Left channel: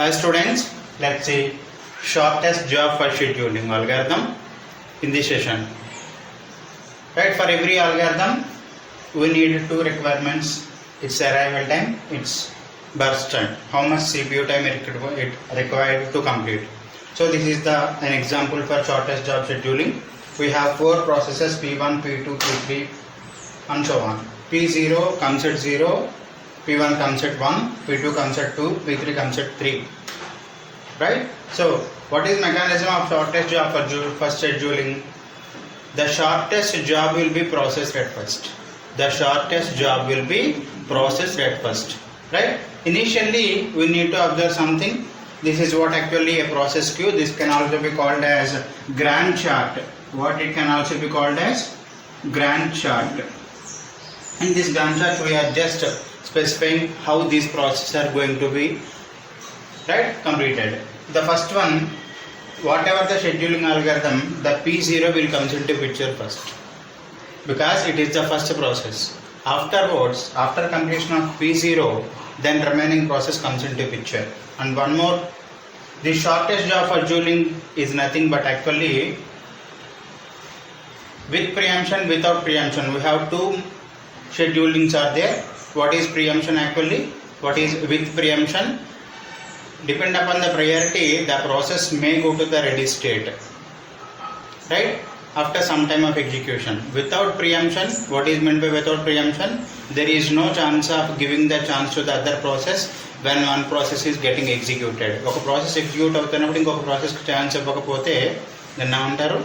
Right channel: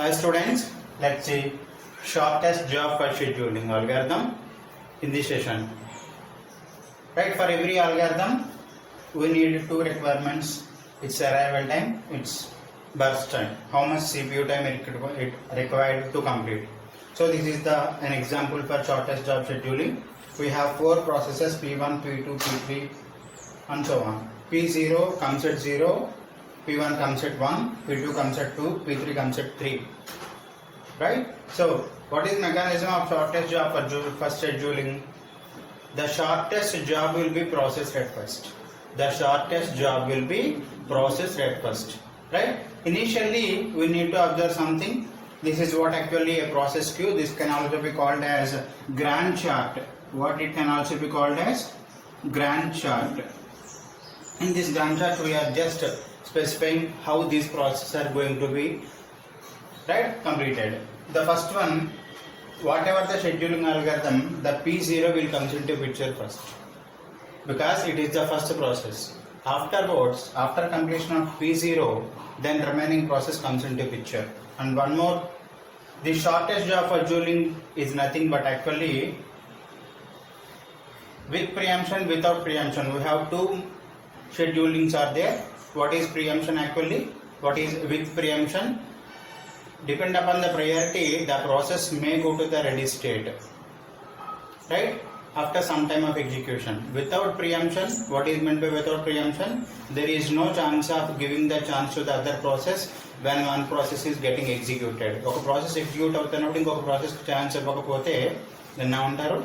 Hi students, let's see shortest job for scheduling algorithm in this session. Right, for every algorithm we need two requirements. Its arrival time, its burst time, how much CPU time it required to complete. So this is an example for shortest job scheduling. We have four processes P1, P2, P3 and so on. P0 comes at 0, P1 comes at 1, P2 comes at 2, P3 comes at 3. Right? So, what is mechanism of shortest job for scheduling? The shortest job will be processed at first. The shortest job will be processed at first. Right? Initially, we need to observe something. This is what actually a process queue. This can also be called as Gantt chart. What it can also be called as Gantt chart. In this Gantt chart, we are just specifying how these processes are going to be completed. The first one, whatever the scheduling algorithm, the P0 will comes into picture first because it is the first process. Afterwards, after completion of P0, then remaining process comes into picture. And one more, the shortest job for scheduling is nothing but actually with preemption, without preemption. We have two schedulings are there. What is preemption actually? What is with preemption? Depend upon the priority, the process may go to the ready state, right, after some time of execution. Without preemption, what is meant by without preemption? There is no chance of giving the chance to the other process when one process is getting executed. ఒక process execute అవుతున్నప్పుడు ఇంకొక process chance ఇవ్వకపోతే దాన్ని ఏమంటారు?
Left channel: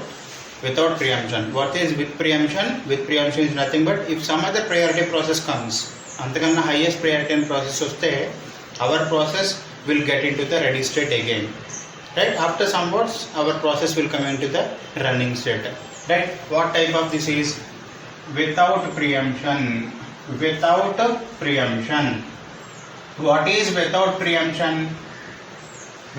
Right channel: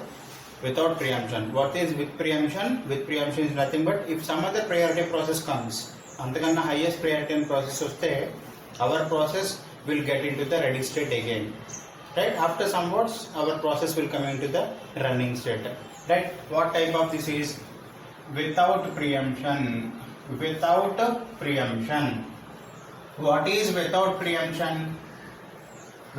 Without preemption. What is with preemption? With preemption is nothing but if some other priority process comes, అంతకన్నా highest priority process వస్తే our process will get into the ready state again. Right? After some words, our process will come into the running state. Right? What type of this is? Without preemption. Without preemption. What is without preemption?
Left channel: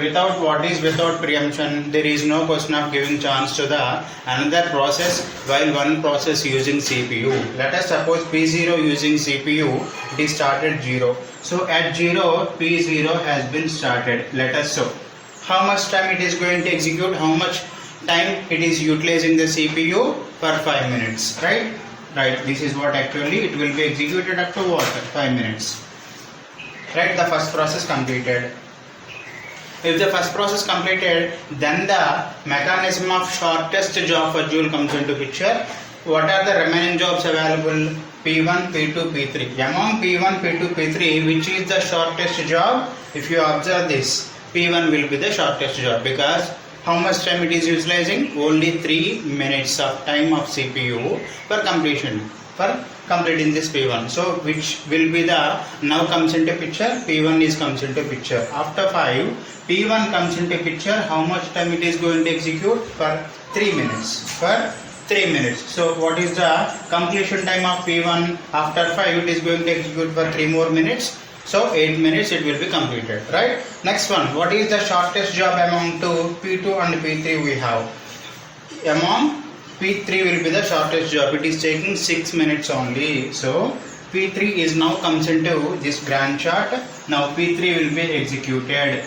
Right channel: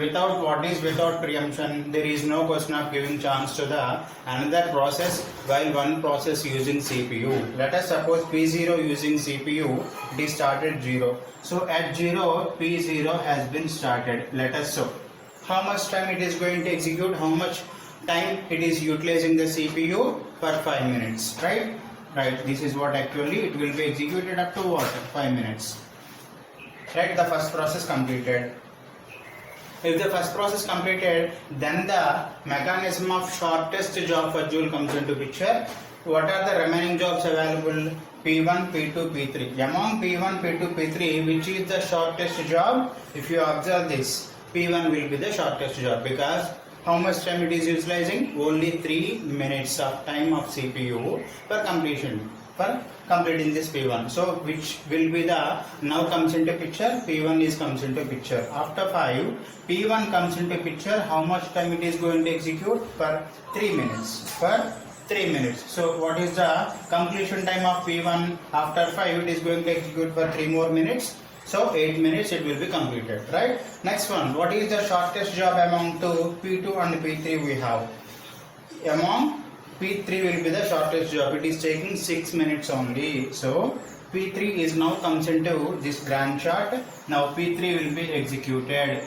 Without what is without preemption? There is no question of giving chance to the another process while one process using CPU. Let us suppose P0 using CPU, it is started 0. So at 0, P0 has been started. Let us show how much time it is going to execute, how much time it is utilizing the CPU for 5 minutes. Right? Right. This is what actually it will be executed up to what? 5 minutes. Right? The first process completed. If the first process completed, then the mechanism of shortest job for Joule comes into picture. What are the remaining jobs available? P1, P2, P3. Among P1, P2, P3, which is the shortest job? If you observe this, P1 will be the shortest job because how much time it is utilizing? Only 3 minutes of time of CPU for completion. For completing this P1. So which will be the now comes into picture? P1 is comes into picture. After 5, P1 comes into picture. How much time it is going to execute? For 3 minutes. For 3 minutes. So what is the completion time of P1? After 5 it is going to execute for 3 more minutes. So 8 minutes it will be completed. Right? Next one. What is the shortest job among two? P2 and P3 we have. Among P3 will be the shortest job. It is taking 6 minutes only. So P3 is now comes into this Gantt chart. Now P3 will be executed.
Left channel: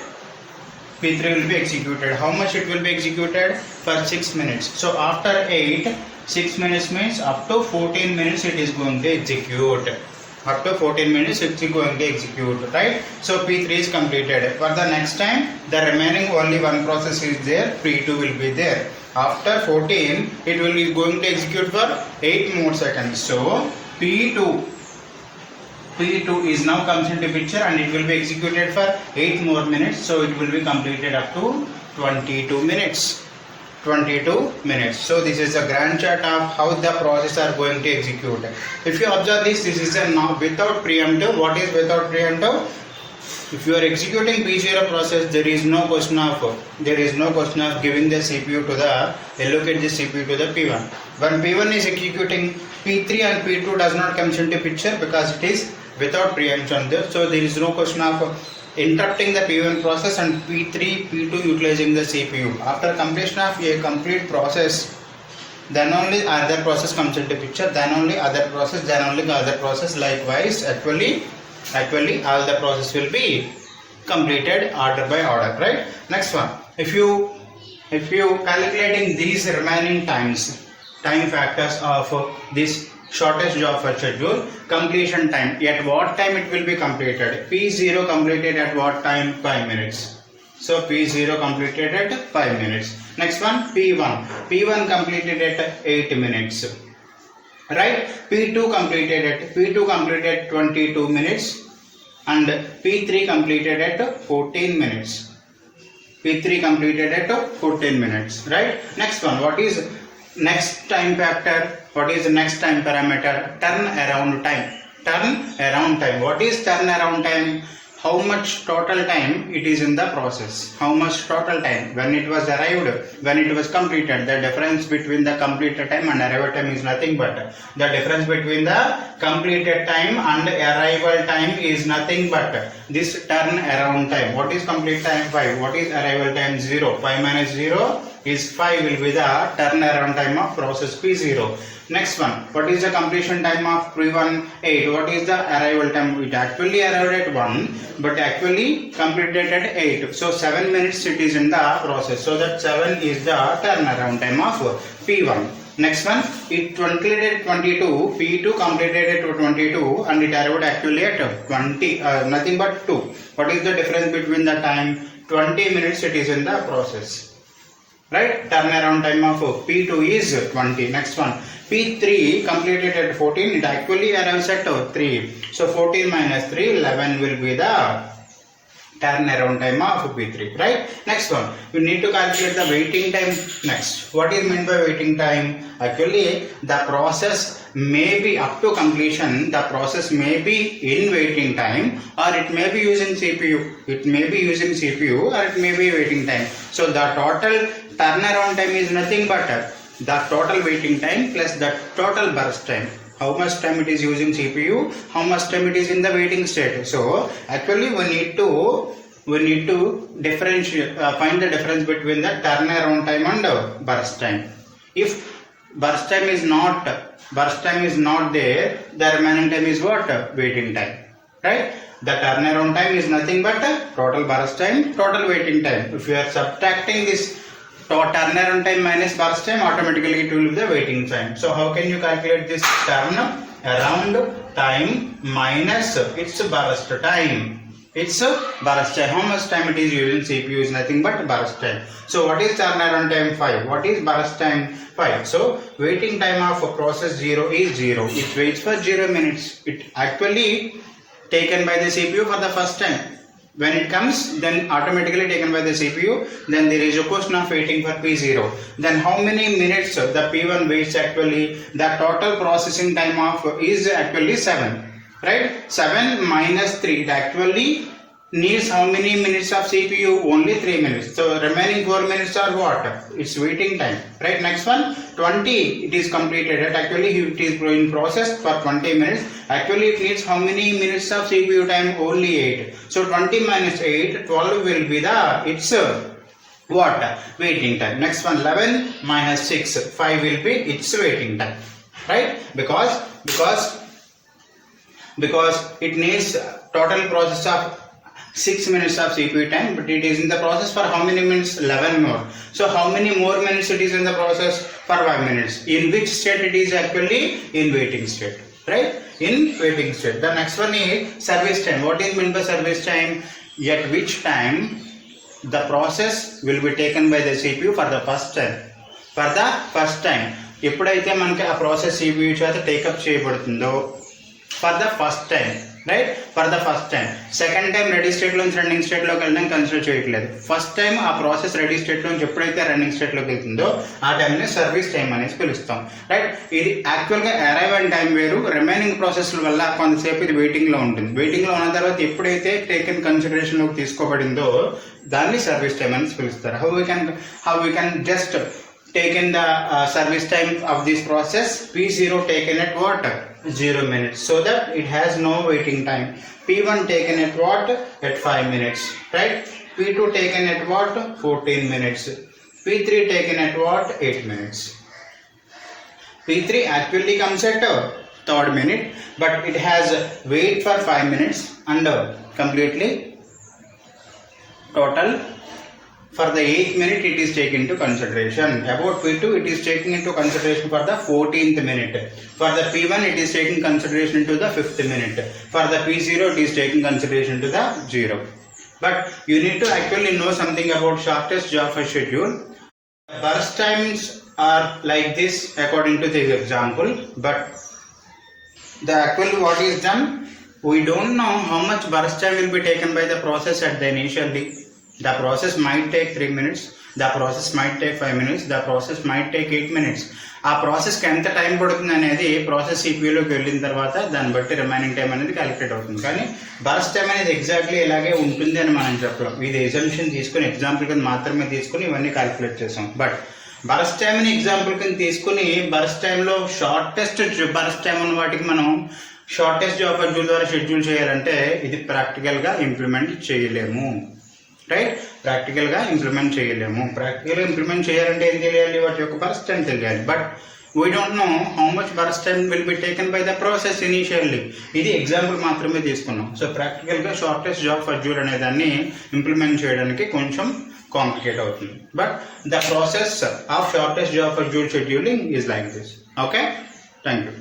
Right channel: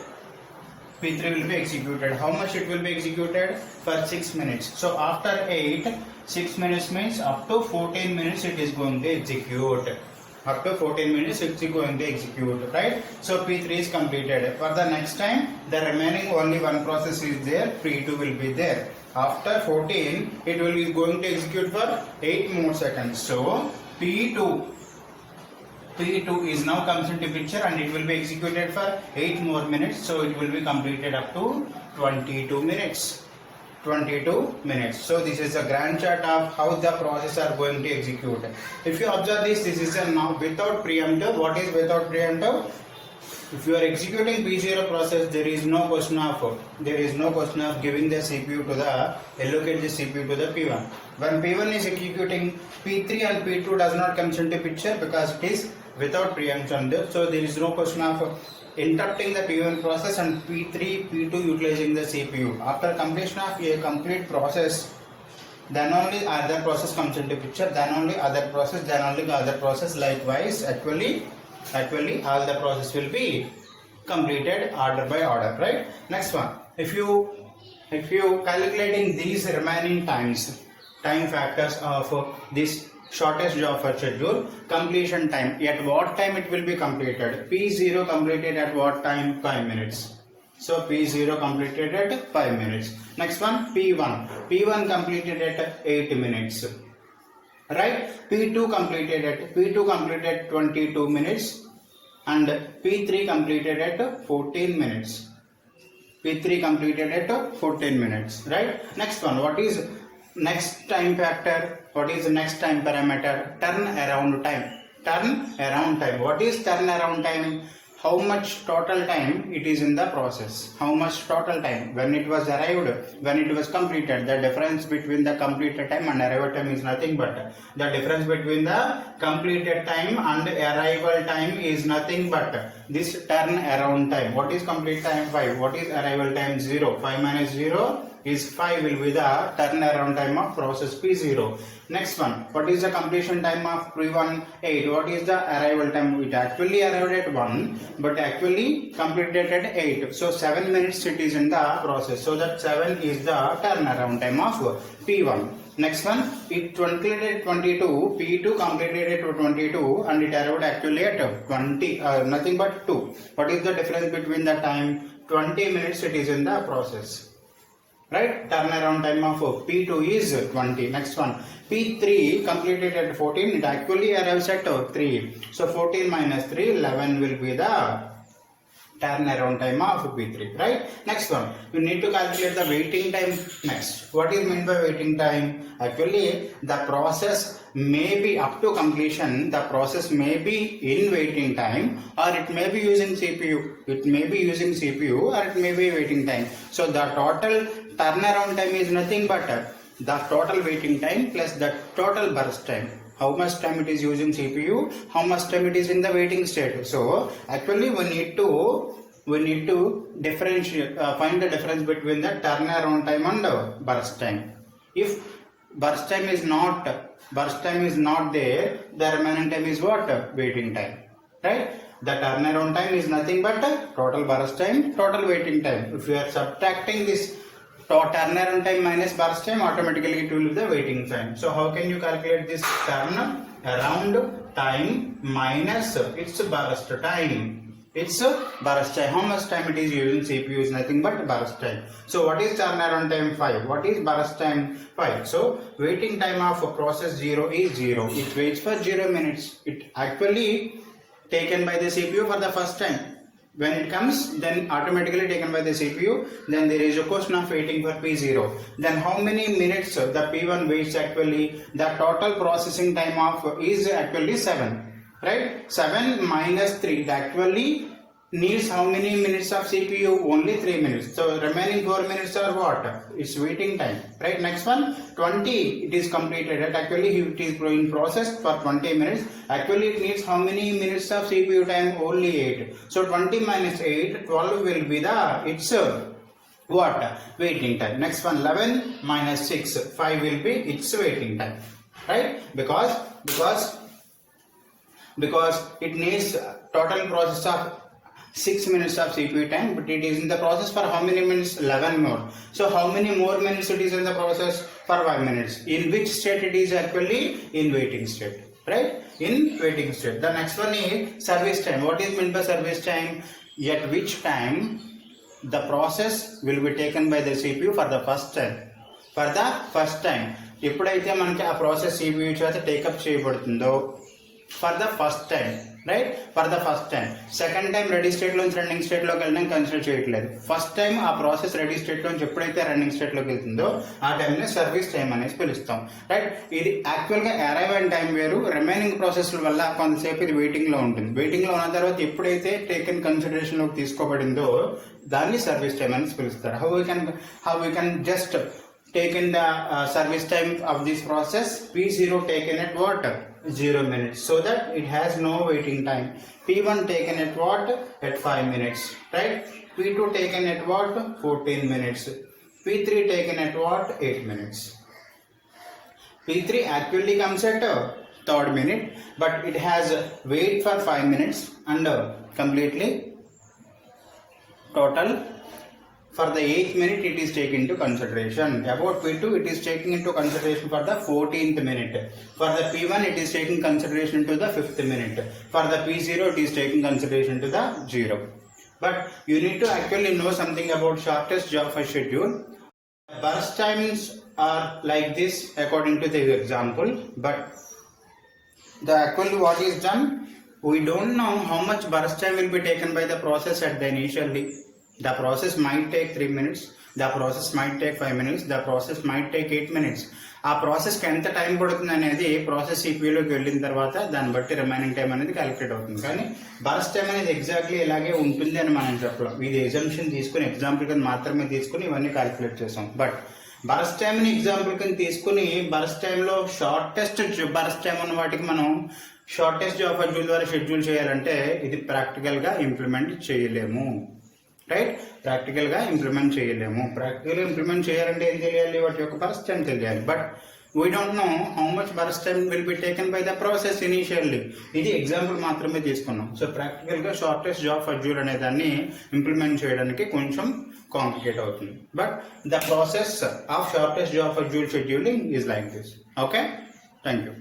P3 will be executed. How much it will be executed? For 6 minutes. So after 8, 6 minutes means up to 14 minutes it is going to execute. Up to 14 minutes it is going to execute. Right? So P3 is completed. For the next time, the remaining only one process is there. P2 will be there. After 14, it will be going to execute for 8 more seconds. So P2 is now comes into picture and it will be executed for 8 more minutes. So it will be completed up to 22 minutes. 22 minutes. So this is a Gantt chart of how the process are going to execute. If you observe this is a now without preemptive. What is without preemptive? If you are executing P0 process, there is no question of giving the CPU to the allocate the CPU to the P1. When P1 is executing, P3 and P2 does not come into picture because it is without preemption there. So there is no question of interrupting the P1 process and P3, P2 utilizing the CPU. After completion of a complete process, then only other process comes into picture. Then only other process. Likewise, actually all the process will be completed order by order, right? Next one, if you calculating these remaining time factors of this shortest job for schedule, completion time, at what time it will be completed? P0 completed at what time? 5 minutes. So P0 completed at 5 minutes. Next one, P1 completed at 8 minutes. Right? P2 completed 22 minutes and P3 completed at 14 minutes. P3 completed at 14 minutes. Right? Next one, what is next time factor? What is the next time parameter? Turnaround time. What is turnaround time? How much total time it is in the process? How much total time when it was arrived, when it was completed? The difference between the completed time and arrival time is nothing but the difference between the completed time and arrival time is nothing but this turnaround time. What is complete time? 5. What is arrival time? 0. 5 minus 0 is 5 will be the turnaround time of process P0. Next one, what is the completion time of P1? 8. What is the arrival time? It actually arrived at 1 but actually completed at 8. So 7 minutes it is in the process. So that 7 is the turnaround time of P1. Next one, it completed 22, P2 completed at 22 and it arrived actually at 20, nothing but 2. What is the difference between the time? 20 minutes it is in the process. Right? Turnaround time of P2 is 20. Next one, P3 completed at 14, it actually arrives at 3. So 14 minus 3, 11 will be the turnaround time of P3, right? Next one, you need to calculate the waiting time next. What is meant by waiting time? Actually, the process may be up to completion, the process may be in waiting time or it may be using CPU. It may be using CPU or it may be waiting time. So the total turnaround time is nothing but the total waiting time plus the total burst time. How much time it is using CPU, how much time it is in the waiting state. So actually we need to differentiate, find the difference between the turnaround time and burst time. If burst time is not there, the remaining time is what? Waiting time, right? The turnaround time is nothing but total burst time, total waiting time. If you are subtracting this turnaround time minus burst time, automatically it will be the waiting time. So how can you calculate this turnaround time minus its burst time? It's burst time. How much time it is using CPU is nothing but burst time. So what is turnaround time? 5. What is burst time? 5. So waiting time of process 0 is 0. It waits for 0 minutes. It actually taken by the CPU for the first time. When it comes, then automatically taken by the CPU. Then there is a question of waiting for P0. Then how many minutes the P1 waits actually? The total processing time of is actually 7. Right? 7 minus 3. It actually needs how many minutes of CPU? Only 3 minutes. So remaining 4 minutes are what? It's waiting time. Right? Next one, 20. It is completed. Actually it is in process for 20 minutes. Actually it needs how many minutes of CPU time? Only 8. So 20 minus 8, 12 will be the its what? Waiting time. Next one, 11 minus 6, 5 will be its waiting time. Right? Because it needs total process of 6 minutes of CPU time, but it is in the process for how many minutes? 11 more. So how many more minutes it is in the process? For 5 minutes. In which state it is actually? In waiting state. Right? In waiting state. The next one is service time. What is meant by service time? At which time the process will be taken by the CPU for the first time. For the first time. ఎప్పుడైతే మనకి ఆ process CPU చేత take up చేయబడుతుందో for the first time, right? For the first time. Second time ready state నుంచి running state లోకి వెళ్ళడం consider చేయట్లేదు. First time ఆ ప్రాసెస్ రెడీ స్టేట్ నుంచి ఎప్పుడైతే రన్నింగ్ స్టేట్ లోకి వెళ్తుందో ఆ టైంని సర్వీస్ టైం అనేసి పిలుస్తాం, రైట్? ఇది యాక్చువల్ గా అరైవల్ టైం వేరు, రిమైనింగ్ ప్రాసెస్ వల్ల కొంతసేపు ఇది వెయిటింగ్ లో ఉంటుంది. వెయిటింగ్ లో ఉన్న తర్వాత ఎప్పుడైతే టేకెన్ కన్సిడరేషన్ లోకి తీసుకోబడిందో దాన్ని సర్వీస్ టైం అనేసి పిలుస్తారు. How we can just taken the service time of this process. P0 taken at what? 0 minutes, so that it has no waiting time. P1 taken at what? At 5 minutes, right? P2 taken at what? 14 minutes. P3 taken at what? 8 minutes. P3 actually comes at 3rd minute, but it has wait for 5 minutes and completely total. For the 8th minute it is taken into consideration. About P2 it is taken into consideration for the 14th minute. For the P1 it is taking consideration into the 5th minute. For the P0 it is taking consideration to the 0. But you need to actually know something about shortest Jaffa schedule. Burst times are like this according to this example, but the actually what is done, we don't know how much burst time will be taken by the process at the initially. The process might take 3 minutes, the process might take 5 minutes, the process might take 8 minutes. ఆ ప్రాసెస్కి ఎంత time పడుతుంది అనేది process సిపియూలోకి వెళ్ళిన తర్వాత దాన్ని బట్టి remaining time అనేది calculate అవుతుంది. కానీ బర్స్ట్ టైం అనేది ఎగ్జాక్ట్లీ ఇలాగే ఉంటుంది అని మనం చెప్పలేం. ఇది ఎగ్జామ్షన్ తీసుకుని ఎగ్జాంపుల్ కింద మాత్రమే తీసుకుని ఇవన్నీ క్యాలిక్యులేట్ చేసాం. బట్ బర్స్ట్ టైంని ఎగ్జాంపుల్ కింద తీసుకుని బర్స్ట్ టైంలో షార్టెస్ట్ బర్స్ట్ టైం ఉన్న వాటికి మనం షార్టెస్ట్ జాబ్ షెడ్యూల్ ద్వారా షెడ్యూల్ చేయాలంటే ఇది ప్రాక్టికల్గా ఇంప్లిమెంట్ చేయలేము. రైట్, ప్రాక్టికల్గా ఇంప్లిమెంట్ చేయలేము. ప్రాక్టికల్గా ఇంప్లిమెంట్ చేయాలంటే ఏం తెలియాలి, వాటి యొక్క బర్స్ట్ టైం తెలియాలి. But we don't know how much burst time will be taken by the process initially. ఇది ఎగ్జాంపుల్ మాత్రమే తీసుకున్నాం. సో ప్రాక్టికల్గా షార్టెస్ట్ జాబ్ షెడ్యూల్ అనే దాన్ని ఇంప్లిమెంట్ చేయడానికి కొంచెం కాంప్లికేట్ అవుతుంది. But the process of shortest job scheduling is like this. Okay, thank you.